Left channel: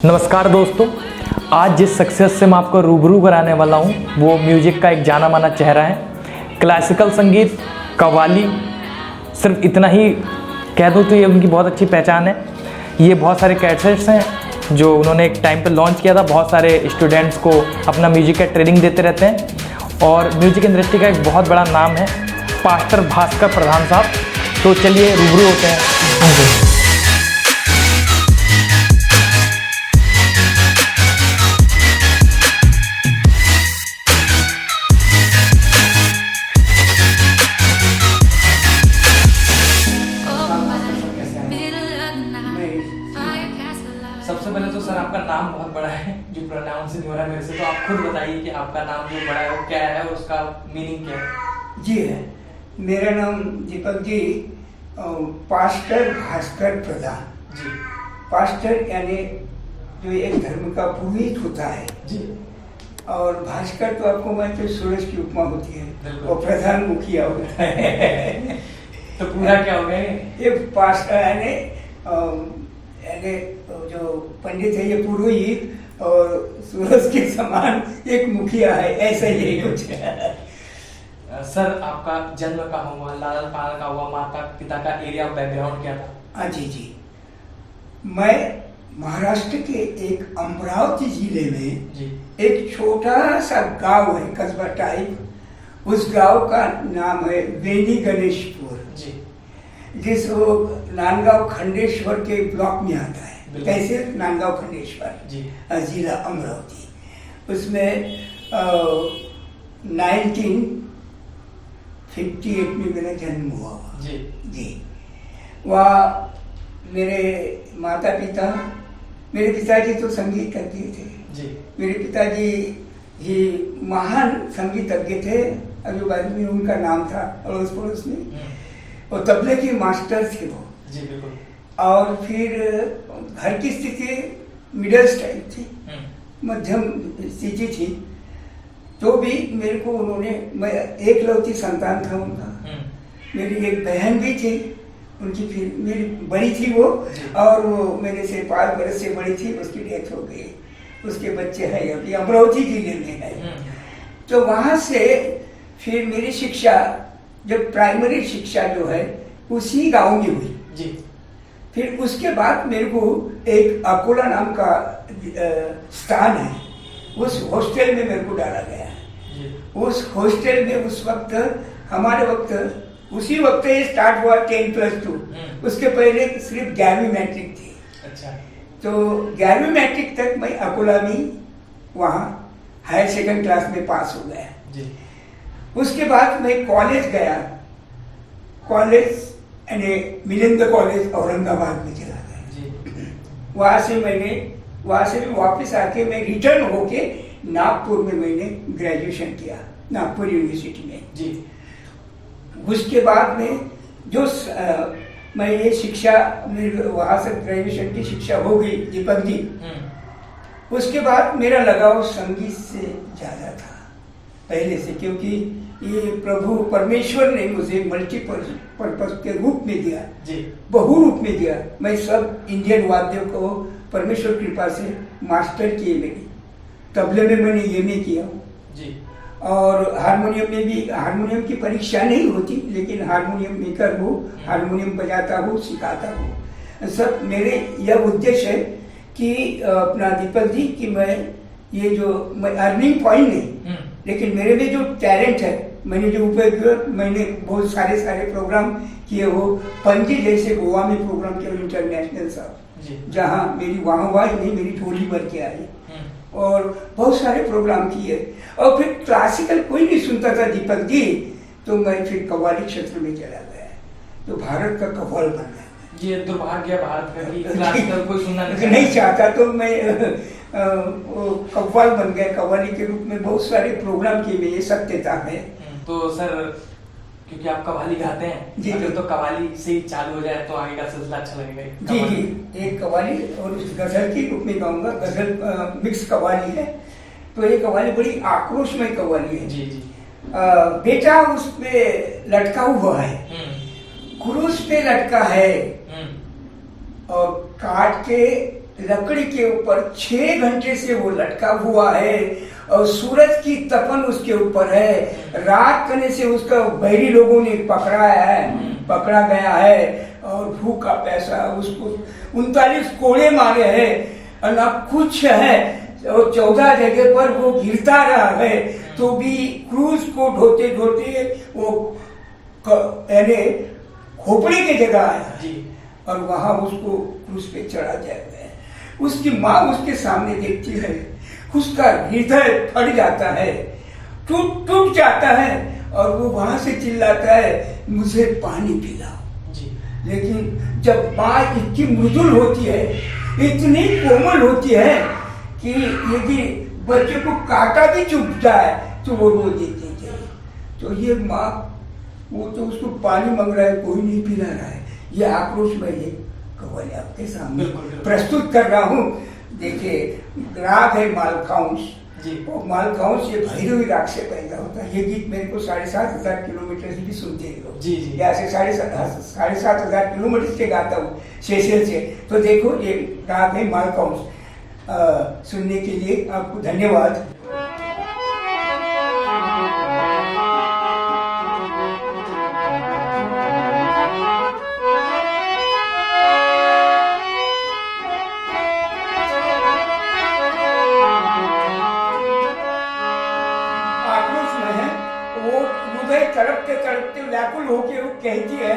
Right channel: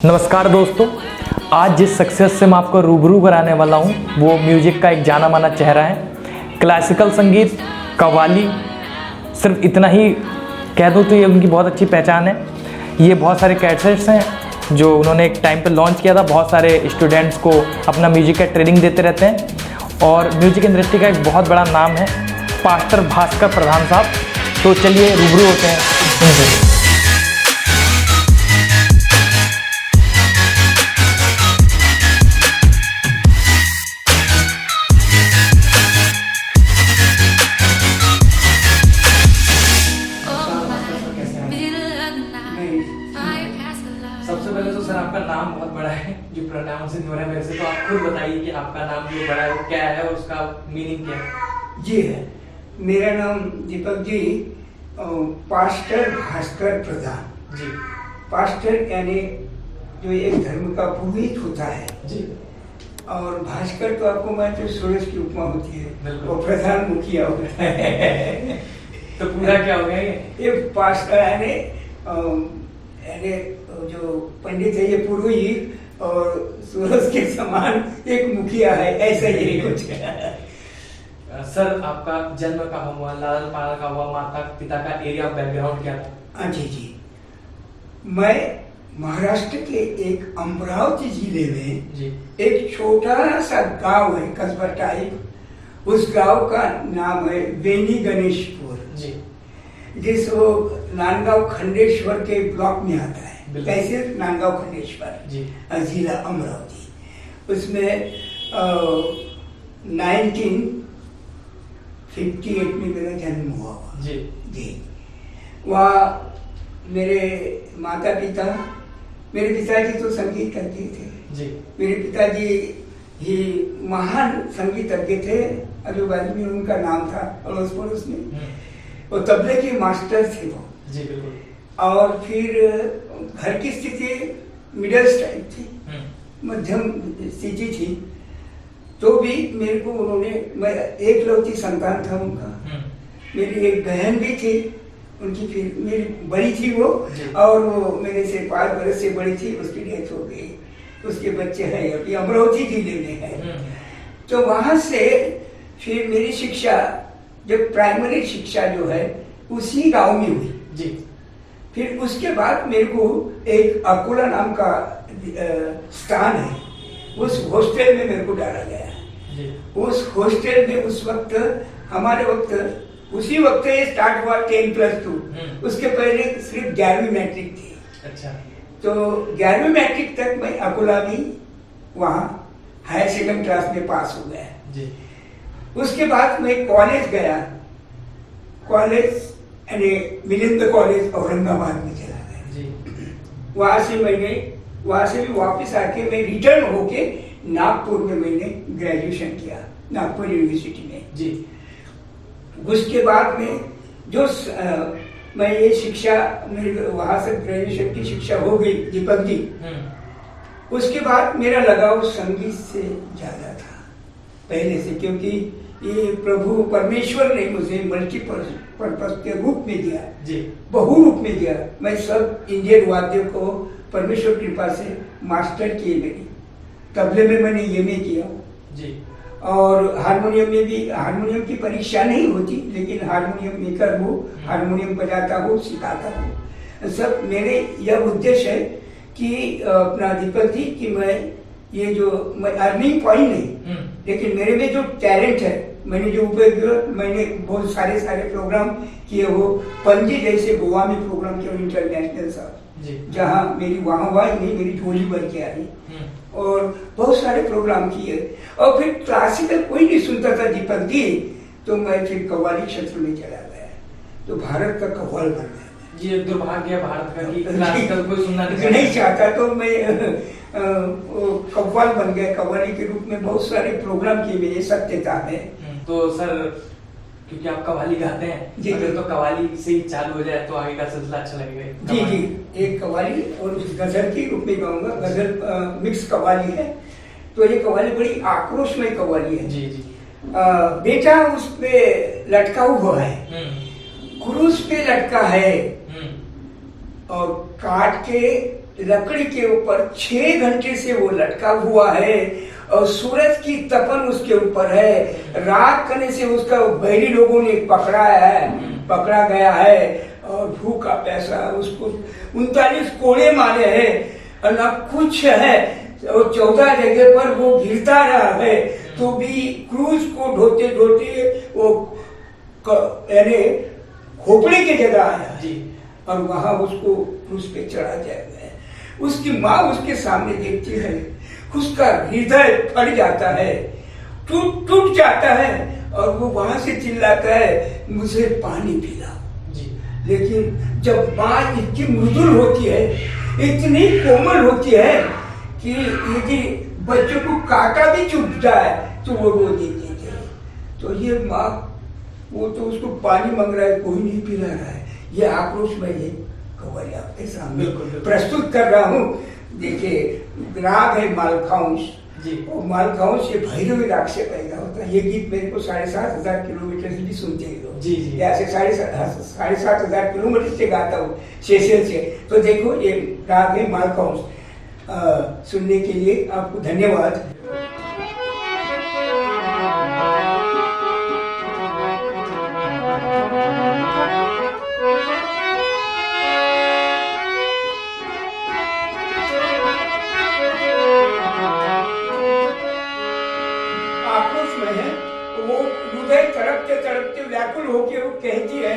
नमस्कार दोस्तों, आज जिस सक्सेस से मैं आपको रूबरू कराने वाला हूँ वो म्यूजिक का एक जाना माना चेहरा है। क्लासिकल संगीत, कव्वाली, सिर्फ इतना ही कह दूँ तो ये उनकी बहुत अच्छी पहचान है। ये बहुत सारे कैसेट्स हैं जो उन्होंने एक टाइम पे लॉन्च किया था। बहुत सारे स्टूडेंट्स को अपना म्यूजिक का ट्रेनिंग देते रहते हैं और म्यूजिक इंडस्ट्री का एक बहुत बड़ा नाम है पास्टर भास्कर प्रधान साहब। तो चलिए रूबरू होते हैं उनसे। सबसे पहले तो सर आपका नाम बहुत बड़ा है जो प्रोनाउंस नहीं हो रहा है मेरे से, तो आप खुद बताइए कि आपका नाम जो बड़ा है वो क्या है और उसका मीनिंग क्या है। जी है, मेरा नाम दीपक जी, पास्टर भास्कर प्रधान जी। पास्टर यानी जो एक धर्म का पुरोहित होता है जी। और भास्कर तो आपको मालूम है सूरज की उपमा होती है और प्रधान मुखिया होता है। तो पूरा क्या हो गया ये पास्टर यानी जो पंडित है ये पुरोहित और सूरज के समान एक मुखिया है, ऐसा ही कुछ है। सर आपका जन्म कहाँ हुआ, लाल पाला का हुआ, माता पिता का एरिया बैकग्राउंड क्या था? हाँ जी, मैं महाराष्ट्र के एक अमरावती जिले में जी। एक छोटा सा गांव है, कस्बा टाइप। उस गांव का नाम है वेनी गणेशपुर जी। जिस वो नांदगांव खंडेश्वर के ब्लॉक में आता है। कैसे नांदगांव खंडेश्वर जी। जिला अमरावती। उसमें 1958 में मेरा जन्म हुआ जी। जी। वहाँ मेरे माता पिता, मेरे पिताजी तो संगीत करते थे जी। मेरे पिताजी ही महान संगीतज्ञ थे। अभी बाद में उनका नाम था अड़ोस पड़ोस में, वो तबले के मास्टर थे वो। जी बिल्कुल। और फिर घर की स्थिति मिडिल टाइप थी, मध्यम स्थिति थी। तो भी मेरे को उन्होंने, मैं एकलौती संतान था उनका। मेरी एक बहन भी थी, उनकी फिर मेरी बड़ी थी वो, और वो मेरे से 5 बरस से बड़ी थी, उसकी डेथ हो गई। उसके बच्चे हैं अभी अमरावती जिले में है। तो वहाँ से फिर मेरी शिक्षा, जो प्राइमरी शिक्षा जो है उसी गांव में हुई जी। फिर उसके बाद मेरे को एक अकोला नाम का स्थान है, उस हॉस्टल में मेरे को डाला गया। उस हॉस्टल में उस वक्त, हमारे वक्त उसी वक्त ये स्टार्ट हुआ 10+2। उसके पहले सिर्फ 11वीं मैट्रिक थी। अच्छा। तो 11वीं मैट्रिक तक मैं अकोला में वहाँ हायर सेकेंड क्लास में पास हो गया जी। उसके बाद मैं कॉलेज गया। कॉलेज यानी मिलिंद कॉलेज औरंगाबाद में चला गया जी। वहाँ से भी वापस आके मैं रिटर्न होके नागपुर में मैंने ग्रेजुएशन किया, नागपुर यूनिवर्सिटी में जी। उसके बाद में जो मैं ये शिक्षा, मेरी वहाँ से ग्रेजुएशन की शिक्षा हो गई दीपक जी। उसके बाद मेरा लगाव संगीत से ज़्यादा था पहले से, क्योंकि ये प्रभु परमेश्वर ने मुझे मल्टीपर्पज के रूप में दिया जी। बहु रूप में दिया। मैं सब इंडियन वाद्य को परमेश्वर कृपा से मास्टर किए मेरी। तबले में मैंने एमए किया जी। और हारमोनियम में भी, हारमोनियम की परीक्षा नहीं होती, लेकिन हारमोनियम मेकर हूँ, हारमोनियम बजाता हूँ, सिखाता हूँ। सब मेरे यह उद्देश्य है कि अपना दीपक जी कि मैं ये जो मैं अर्निंग पॉइंट नहीं, लेकिन मेरे में जो टैलेंट है, मैंने जो उपयोग, मैंने बहुत सारे प्रोग्राम किए। वो पणजी जैसे गोवा में प्रोग्राम किया इंटरनेशनल साहब, जहाँ मेरी वाहवाही नहीं, मेरी झोली भर के आई। और बहुत सारे प्रोग्राम किए। और फिर क्लासिकल कोई नहीं सुनता था दीपक जी, तो मैं फिर कव्वाली क्षेत्र में चला गया, तो भारत का कव्वाल बन गया। ये दुर्भाग्य भारत का कि क्लासिकल कोई सुनना नहीं चाहता, तो मैं कव्वाल बन गया। कव्वाली के रूप में बहुत सारे प्रोग्राम किए, ये सत्यता है। तो सर क्योंकि आप कव्वाली गाते हैं जी, तो कव्वाली से ही चालू हो जाए तो आगे का सिलसिला अच्छा लगेगा। जी जी, एक कव्वाली और गजल के रूप में गाऊंगा। गजल मिक्स कव्वाली है, तो ये कव्वाली बड़ी आक्रोशमय कव्वाली है। जी जी। बेटा उस पे लटका हुआ है, क्रूस पे लटका है, और काट के लकड़ी के ऊपर 6 घंटे से वो लटका हुआ है और सूरज की तपन उसके ऊपर है। रात करने से उसका बहरी लोगों ने पकड़ा गया है और भूखा पैसा उसको 39 कोड़े मारे हैं और ना कुछ है और 14 जगह पर वो गिरता रहा है तो भी क्रूज को ढोते ढोते वो यानी खोपड़ी की जगह आया जी और वहां उसको क्रूज पे चढ़ा जाएगा। उसकी माँ उसके सामने देखती है, उसका हृदय फट जाता है, टूट जाता है और वो वहां से चिल्लाता है मुझे पानी पिलाओ जी। लेकिन जब माँ इतनी मृदुल होती है, इतनी कोमल होती है कि यदि बच्चे को काटा भी चुभ जाए तो वो रो देती है। तो ये माँ वो तो उसको पानी मांग रहा है, कोई नहीं पिला रहा है। ये आक्रोश में ये कव्वाली आपके सामने प्रस्तुत कर रहा हूँ। देखिए राग है मालखाउंस जी, और मालखाउंस ये भैरवी राग से पैदा होता है। ये गीत मेरे को 7,500 किलोमीटर से भी सुनते हैं लोग जी जी, ऐसे 7,500 किलोमीटर से गाता हूँ सेशल से। तो देखो ये राग है मालखाउंस। सुनने के लिए आपको धन्यवाद। तड़पते व्याकुल होके वो कहती है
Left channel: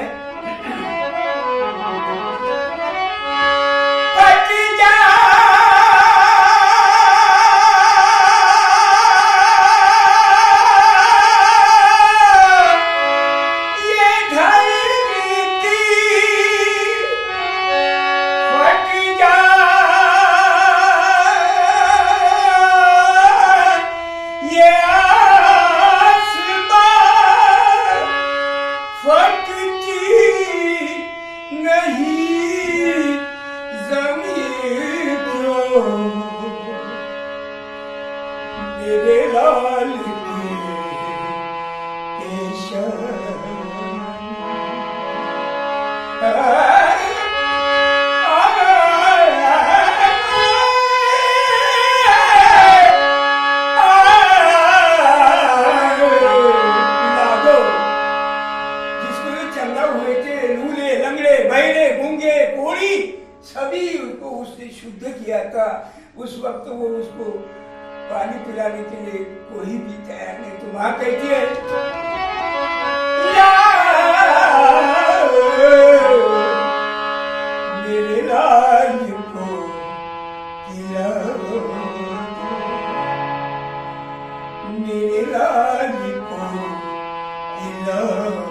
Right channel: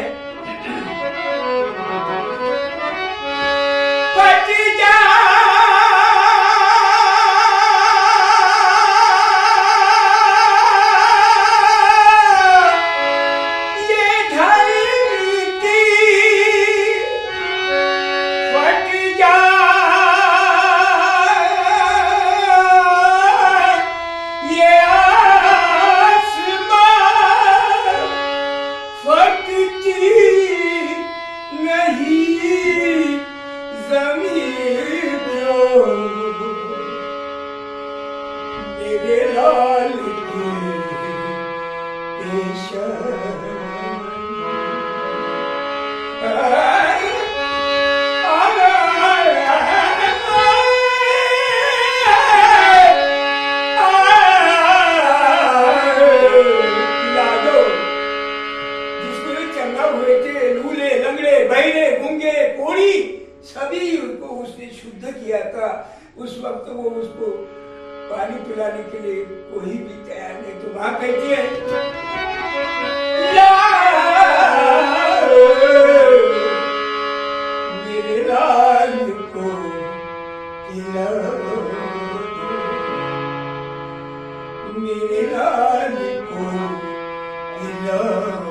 शुद्ध किया था। उस वक्त वो उसको पानी पिलाने के लिए कोई भी तैयार नहीं। तो माँ कहती है मेरे लाल को पिलाओ, मेरे लाल को पिलाओ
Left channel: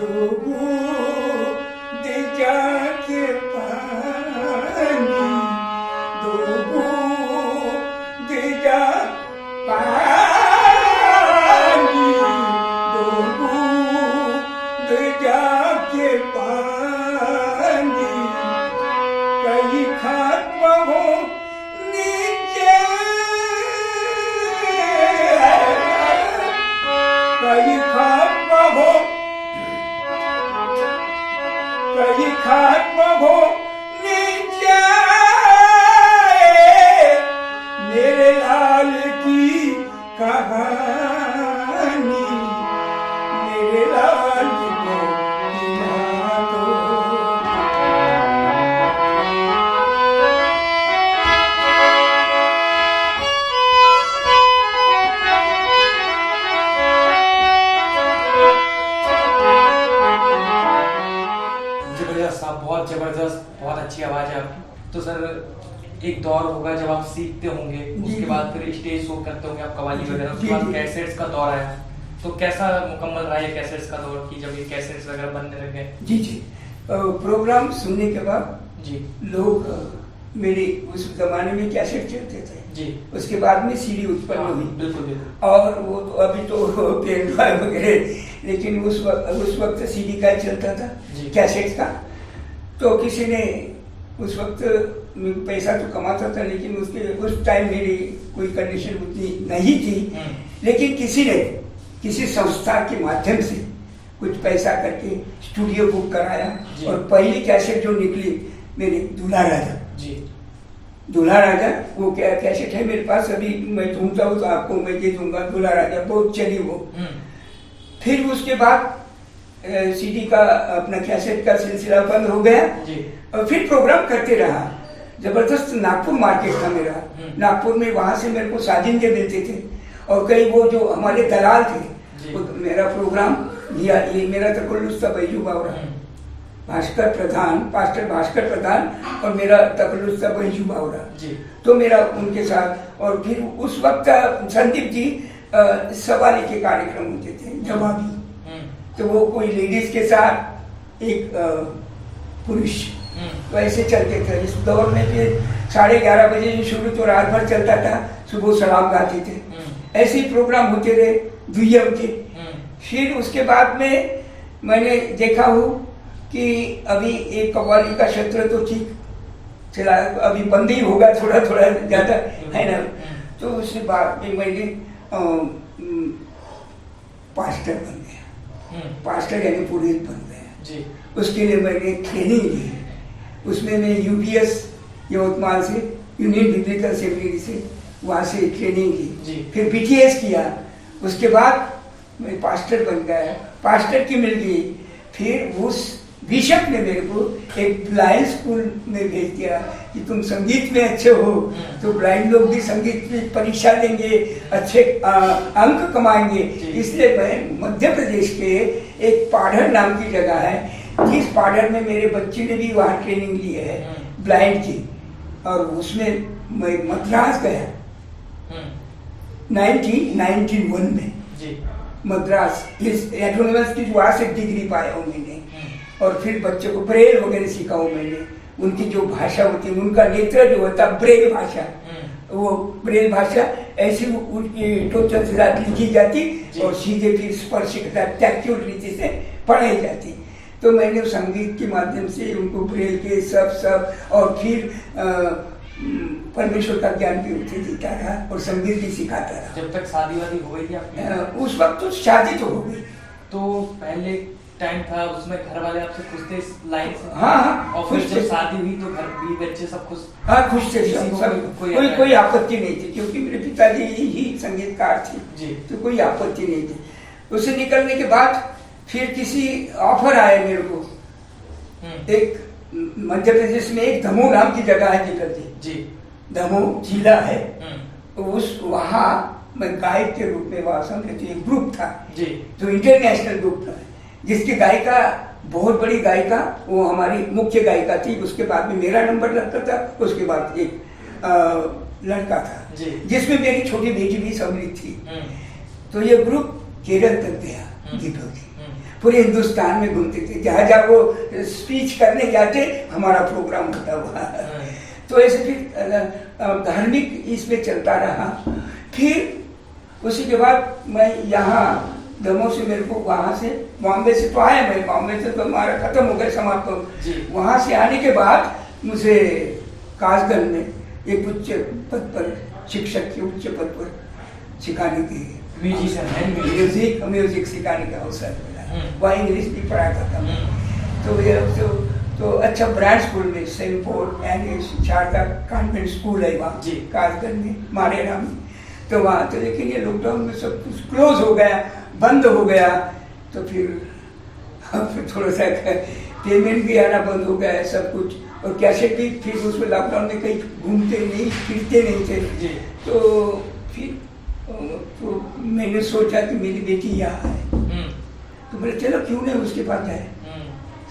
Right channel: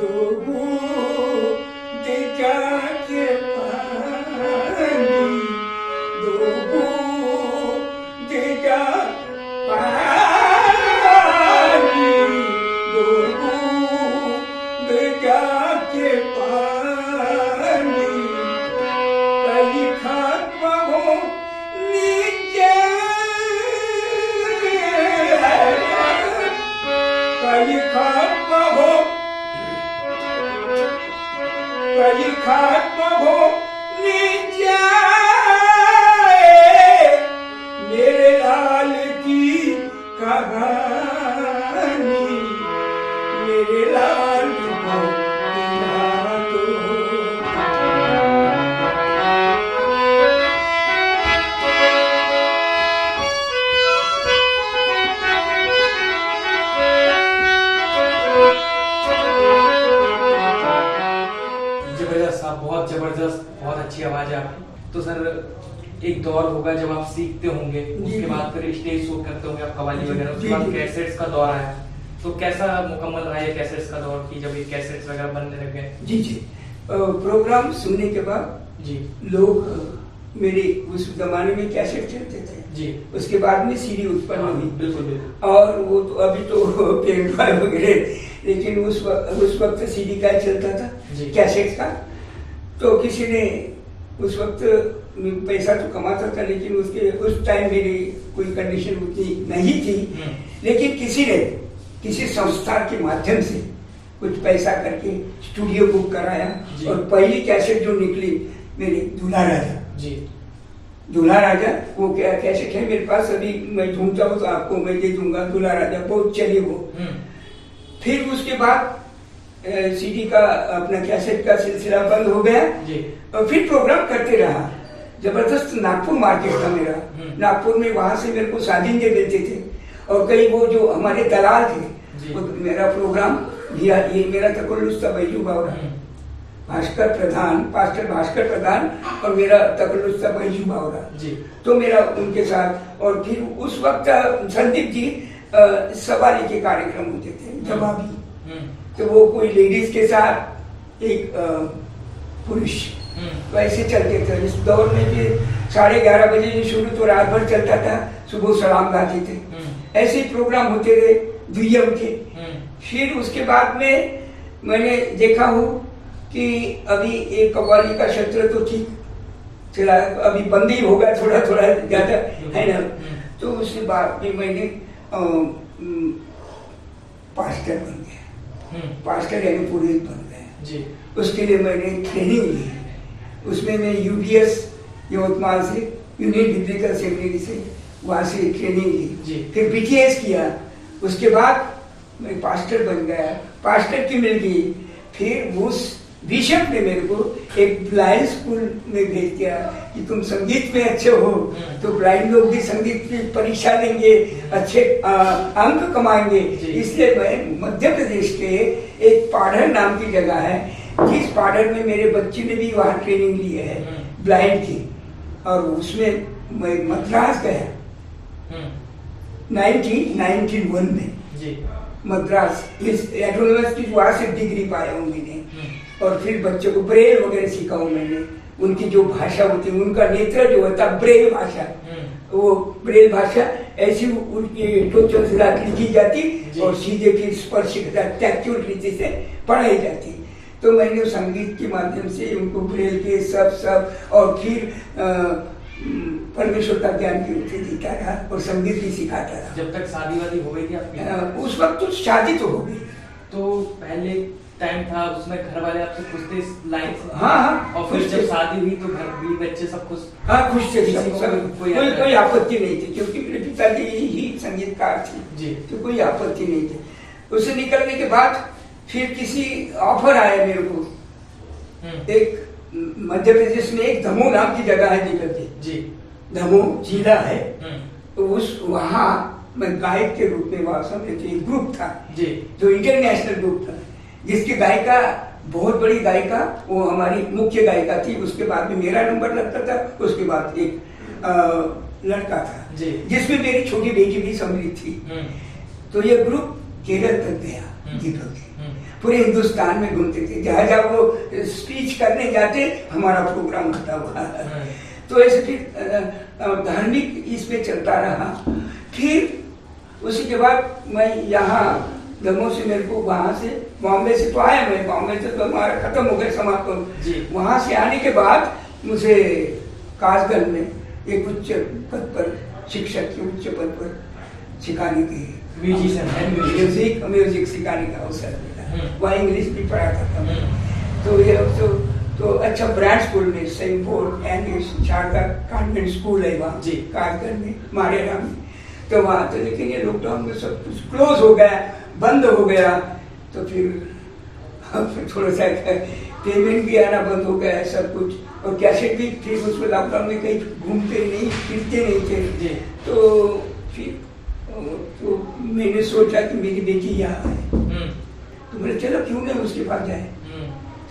दो बूंद जाके बहुत जबरदस्त, बहुत अच्छी आवाज है आपकी। तो सर एक दौर होगा जब आप सीखते होंगे, उसके बाद फिर स्टेज शो करते होंगे आप कव्वाली वगैरह, उसके बाद कैसेट्स का दौर आया, तो कैसा मुकम्मल रहा ये कैसेट्स का दौर की जब ये कैसेट्स वगैरह बनने लग गए? जी जी, प्रोग्राम सुनने के बाद जी लोग मेरे उस जमाने में कैसेट चलते थे जी, उसके बाद में सीडी उत्पन्न हुई। बिल्कुल बिल्कुल। और वो तो अभी तो पेन ड्राइव वगैरह, लेकिन उस वक्त सीडी का चलता था, कैसेट का। तो किसी ने उस वक्त पैसा तो कमाता था, लेकिन उस टाइम मेरी कोई कंडीशन उतनी नहीं थी, लेकिन किसी ने किसी संस्था के माध्यम से कुछ पैसा करके स्टूडियो बुक कराया और पहली कैसेट जो निकली मेरे दूल्हा राजा। जी। दूल्हा राजा वो क्या कैसेट है मेरे पास, अभी मैं ढूंढता हूँ तो आपको मैं दे दूंगा। दूल्हा राजा बहुत चली वो। फिर उसके बाद सीडी का अपना कैसेट का सिलसिला बंद हो गया जी। और फिर प्रोग्राम करते रहा। जबरदस्त नागपुर मार्केट था मेरा, नागपुर में, वहाँ से मेरे को साजिंदे मिलते थे और कई वो जो हमारे दलाल थे वो मेरा प्रोग्राम ये मेरा तकल्लुस था बैजू बावरा, भास्कर प्रधान, पास्टर भास्कर प्रधान और मेरा तकल्लुस था बैजू बावरा। तो मेरा उनके साथ, और फिर उस वक्त संदीप जी सवारी के कार्यक्रम होते थे, जवाबी, तो वो कोई लेडीज के साथ एक पुरुष, वैसे चलते थे। इस दौर में भी 11:30 बजे शुरू तो रात भर चलता था, सुबह सलाम गाते थे, ऐसे ही प्रोग्राम होते रहे दुनिया के। फिर उसके बाद में मैंने देखा हूँ कि अभी एक कव्वाली का क्षेत्र तो ठीक चला, अभी बंद ही होगा थोड़ा थोड़ा ज़्यादा, है ना। तो उसके बाद में मैंने पास्टर बन गया, पास्टर यानी पुरोहित बन गया। उसके लिए मैंने ट्रेनिंग ली, उसमें मैं यूपीएस यवतमाल से, यूनियन बिब्लिकल सेमिनरी से, वहाँ से ट्रेनिंग ली। फिर बीटीएस किया, उसके बाद मैं पास्टर बन गया, पास्टर की मिल गई। फिर उस बिशप ने मेरे को एक ब्लाइंड स्कूल में भेज दिया कि तुम संगीत में अच्छे हो तो ब्लाइंड लोग भी संगीत की परीक्षा देंगे, अच्छे अंक कमाएंगे। इसलिए मैं मध्य प्रदेश के एक पाढ़र नाम की जगह है, जिस पाढ़र में मेरे बच्चे ने भी वहाँ ट्रेनिंग ली है ब्लाइंड की, और उसमें मैं मद्रास गया 1991 में। मद्रास इस एटोनॉमस की वहाँ से डिग्री पाया हूँ मैंने, और फिर बच्चों को ब्रेल वगैरह सिखाऊँ मैंने। उनकी जो भाषा होती है, उनका नेत्र जो होता है ब्रेल भाषा, वो ब्रेल भाषा ऐसी उनकी टोचन से लिखी जाती और सीधे फिर स्पर्श टैक्चुअल रीति से पढ़ाई जाती। तो मैंने संगीत के माध्यम से उनको ब्रेल के सब और फिर परमेश्वर का ज्ञान भी उसे देता रहा और संगीत भी सिखाता रहा। जब तक शादी वादी हो गई थी आपकी? उस वक्त तो शादी तो हो गई। तो पहले टाइम था उसमें घर वाले आपसे पूछते इस लाइन से? हाँ, और फिर जब शादी हुई तो घर भी बच्चे सब खुश? हाँ, खुश थे सब, कोई आपत्ति नहीं थी, क्योंकि मेरे पिताजी ही संगीतकार थे जी, तो कोई आपत्ति नहीं थी। उससे निकलने के बाद फिर किसी ऑफर आया मेरे को, एक मध्य प्रदेश में एक दमोह नाम की जगह है निकलती जी, दमोह जिला है, तो उस वहाँ मैं गायक के रूप में वहाँ समझे एक ग्रुप था जी, जो इंटरनेशनल ग्रुप था, जिसकी गायिका बहुत बड़ी गायिका वो हमारी मुख्य गायिका थी। उसके बाद में मेरा नंबर लगता था, उसके बाद एक लड़का था जिसमें मेरी छोटी बेटी भी सम्मिलित थी। तो ये ग्रुप केरल तक गया दीपक जी, पूरे हिंदुस्तान में घूमते थे, जहाँ जहाँ वो स्पीच करने जाते हमारा प्रोग्राम होता हुआ। तो ऐसे फिर धार्मिक इसमें चलता रहा। फिर उसी के बाद मैं यहाँ दमोह से मेरे को वहाँ से बॉम्बे से तो आया, मैं बॉम्बे से तो हमारा खत्म हो गया समाप्त। वहाँ से आने के बाद मुझे कासगंज में एक उच्च पद पर शिक्षक के उच्च पद पर सिखाने की म्यूजिक सिखाने का अवसर मिला। वहाँ इंग्लिश भी पढ़ाता था मैं। तो ये तो अच्छा ब्रांड स्कूल में saint Paul and Sharda convent school है वहाँ कासगंज में, मारेरा में। तो वहाँ तो लेकिन ये लॉकडाउन में सब कुछ क्लोज हो गया, बंद हो गया। तो फिर थोड़ा सा पेमेंट भी आना बंद हो गया है सब कुछ, और कैसेट भी फिर उसमें लॉकडाउन में कहीं घूमते नहीं फिरते नहीं थे। तो फिर तो मैंने सोचा कि मेरी बेटी यहाँ है, तो बोले चलो क्यों नहीं उसके पास जाए।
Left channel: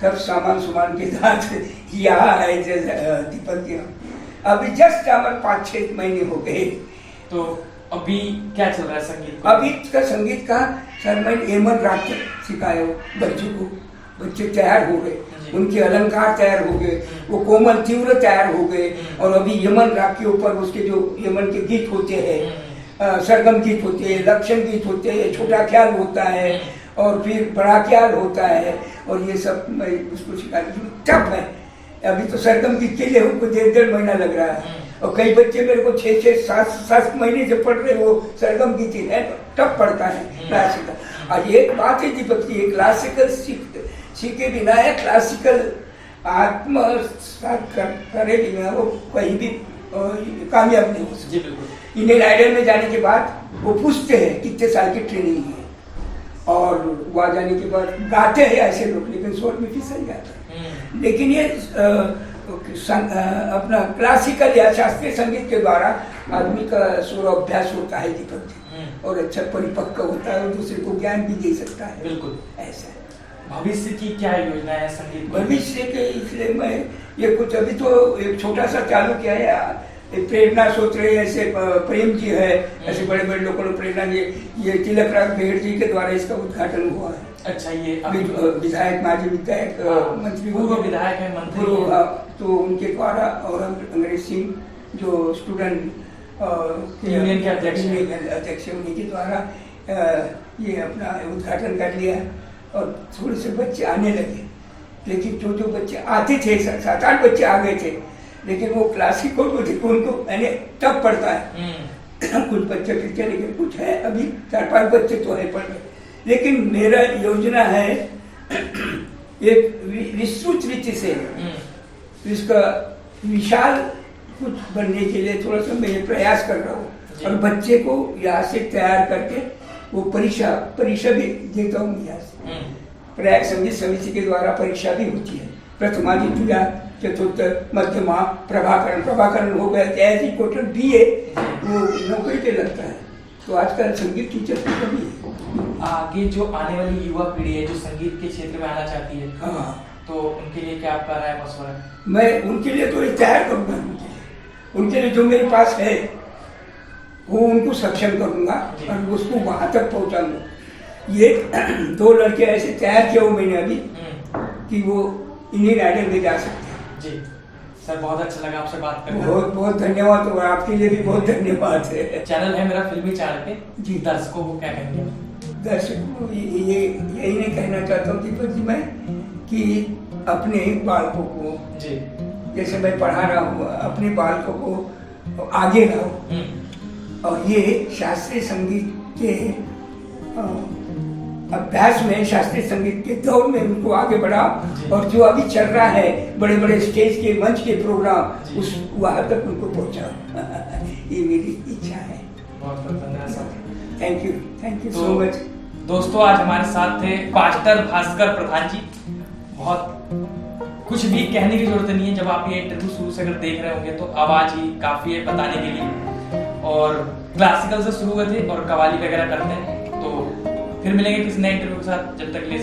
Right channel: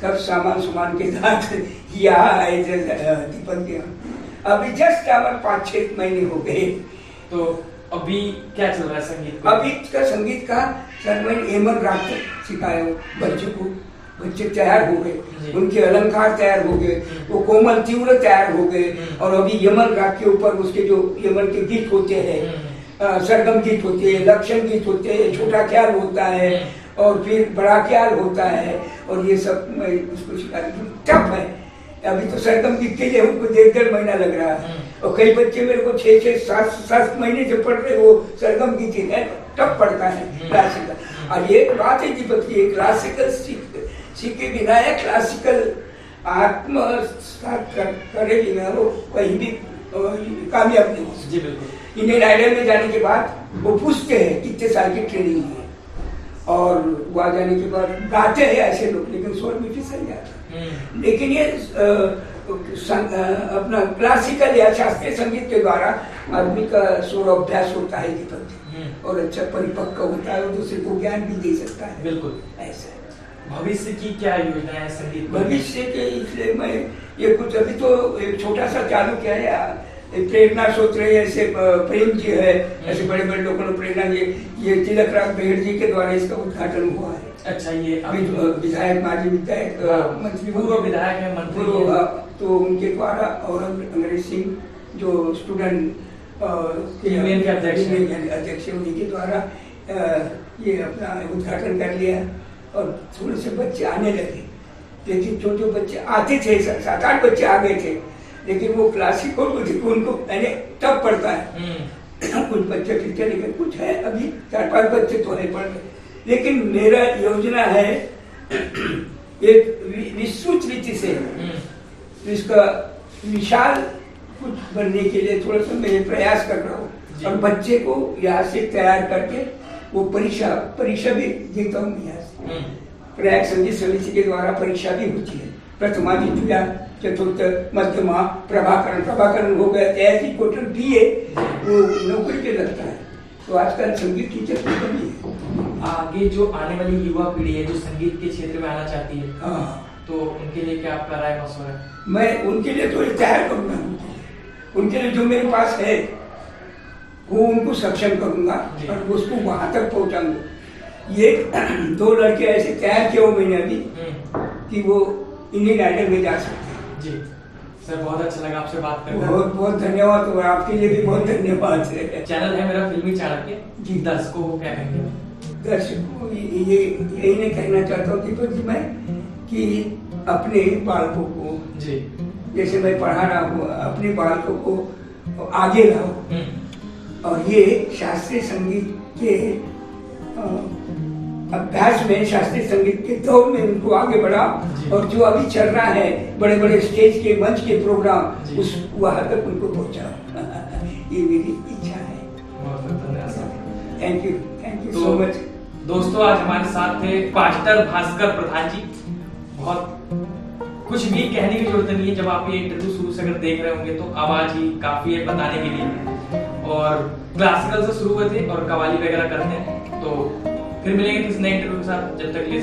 सब सामान के साथ यहाँ आए दीपक के। अभी जस्ट हमारे 5-6 महीने हो गए। तो अभी क्या चल रहा है संगीत? अभी का संगीत का सर मैंने यमन राग सिखाया बच्चों को, बच्चे तैयार हो गए, उनके अलंकार तैयार हो गए, वो कोमल तीव्र तैयार हो गए। और अभी यमन राग के ऊपर उसके जो यमन के गीत होते हैं, सरगम गीत होते हैं, लक्षण गीत होते हैं, छोटा ख्याल होता है और फिर बड़ा ख्याल होता है, और ये सब मैं उसको सिखा टफ है। अभी तो सरगम गीत के लिए हमको 1.5 महीना लग रहा है, और कई बच्चे मेरे को 6-7 महीने से पढ़ रहे, वो सरगम गीत है, टफ पढ़ता है क्लासिकल। और एक बात है दीपक जी, क्लासिकल सीखे बिना है क्लासिकल आत्मसात करेगी ना, वो कहीं भी कामयाब नहीं हो सकती। जी बिल्कुल। इंडियन आइडल में जाने के बाद वो पूछते हैं कितने साल की ट्रेनिंग ली है, और वहाँ जाने के बाद गाते हैं ऐसे लोग, लेकिन स्वर में फिसल जाता है। लेकिन ये अपना क्लासिकल या शास्त्रीय संगीत के द्वारा आदमी का स्वर अभ्यास होता है दीपक जी, और अच्छा परिपक्व होता है और दूसरे को ज्ञान भी दे सकता है। बिल्कुल ऐसा भविष्य की क्या योजना है संगीत में? भविष्य के, इसलिए मैं ये कुछ अभी तो एक छोटा सा चालू किया है, प्रेरणा सूत्र ऐसे प्रेम जी है, ऐसे बड़े बड़े लोगों ने प्रेरणा जी, ये तिलक राज बेहड़ जी के द्वारा इसका उद्घाटन हुआ है। अच्छा, ये विधायक, माजी विधायक, मंत्री, पूर्व विधायक है, मंत्री, तो उनके द्वारा, और अंग्रेज सिंह जो स्टूडेंट यूनियन के अध्यक्ष है, उन्हीं के द्वारा ये अपना उद्घाटन कर लिया, और थोड़े से बच्चे आने लगे। लेकिन जो बच्चे आते थे, 7-8 बच्चे आ गए थे, लेकिन वो क्लासिकल को देखो उनको मैंने तब पढ़ता है। कुछ बच्चे पीछे, लेकिन कुछ है अभी 4-5 बच्चे तो है पढ़ गए। लेकिन मेरा योजना है एक विस्तृत रीति से इसका विशाल कुछ बनने के लिए थोड़ा सा मैं प्रयास कर रहा हूँ, और बच्चे को यहाँ से तैयार करके वो परीक्षा भी देता हूँ यहाँ से। प्रयाग संगीत समिति के द्वारा परीक्षा भी होती है, प्रथमा, द्वितीया, चतुर्थ, मध्यमा, प्रभाकरण हो गया, ऐसी कोटन भी है, वो नौकरी पे लगता है। तो आजकल संगीत टीचर की कमी है। आगे जो आने वाली युवा पीढ़ी है जो संगीत के क्षेत्र में आना चाहती है, हाँ, तो उनके लिए क्या आपका राय मशवरा है? मैं उनके लिए तो तैयार करूँगा, उनके लिए जो मेरे पास है वो उनको सक्षम करूँगा और उसको वहाँ तक पहुँचाऊँगा। ये 2 लड़के ऐसे तैयार किए हो मैंने अभी कि वो इंडियन आइडल में जा सकते हैं। जी सर, बहुत अच्छा लगा आपसे बात करके। बहुत बहुत धन्यवाद, और आपके लिए भी बहुत धन्यवाद है। चैनल है मेरा फिल्मी चाणक्य के, जी, दर्शकों को क्या कहेंगे? दर्शकों को यही नहीं कहना चाहता हूँ दीपक जी मैं, कि अपने बालकों को, जी जैसे मैं पढ़ा रहा हूँ, अपने बालकों को आगे लाओ, और ये शास्त्रीय संगीत के अभ्यास में, शास्त्रीय संगीत के दौर में उनको आगे बढ़ाओ, और जो अभी चल रहा है बड़े बड़े स्टेज के, मंच के प्रोग्राम, उस वहाँ तक उनको पहुँचाओ। ये मेरी इच्छा है। बहुत बहुत धन्यवाद sir. Thank you so much. दोस्तों, आज हमारे साथ थे पास्टर भास्कर प्रधान जी। बहुत कुछ भी कहने की जरूरत नहीं है, जब आप ये इंटरव्यू शुरू से अगर देख रहे होंगे तो आवाज ही काफी है बताने के लिए। और क्लासिकल से शुरू हुए थे और कव्वाली वगैरह करते हैं। तो फिर मिलेंगे किसी नए इंटरव्यू के साथ, जब तक के लिए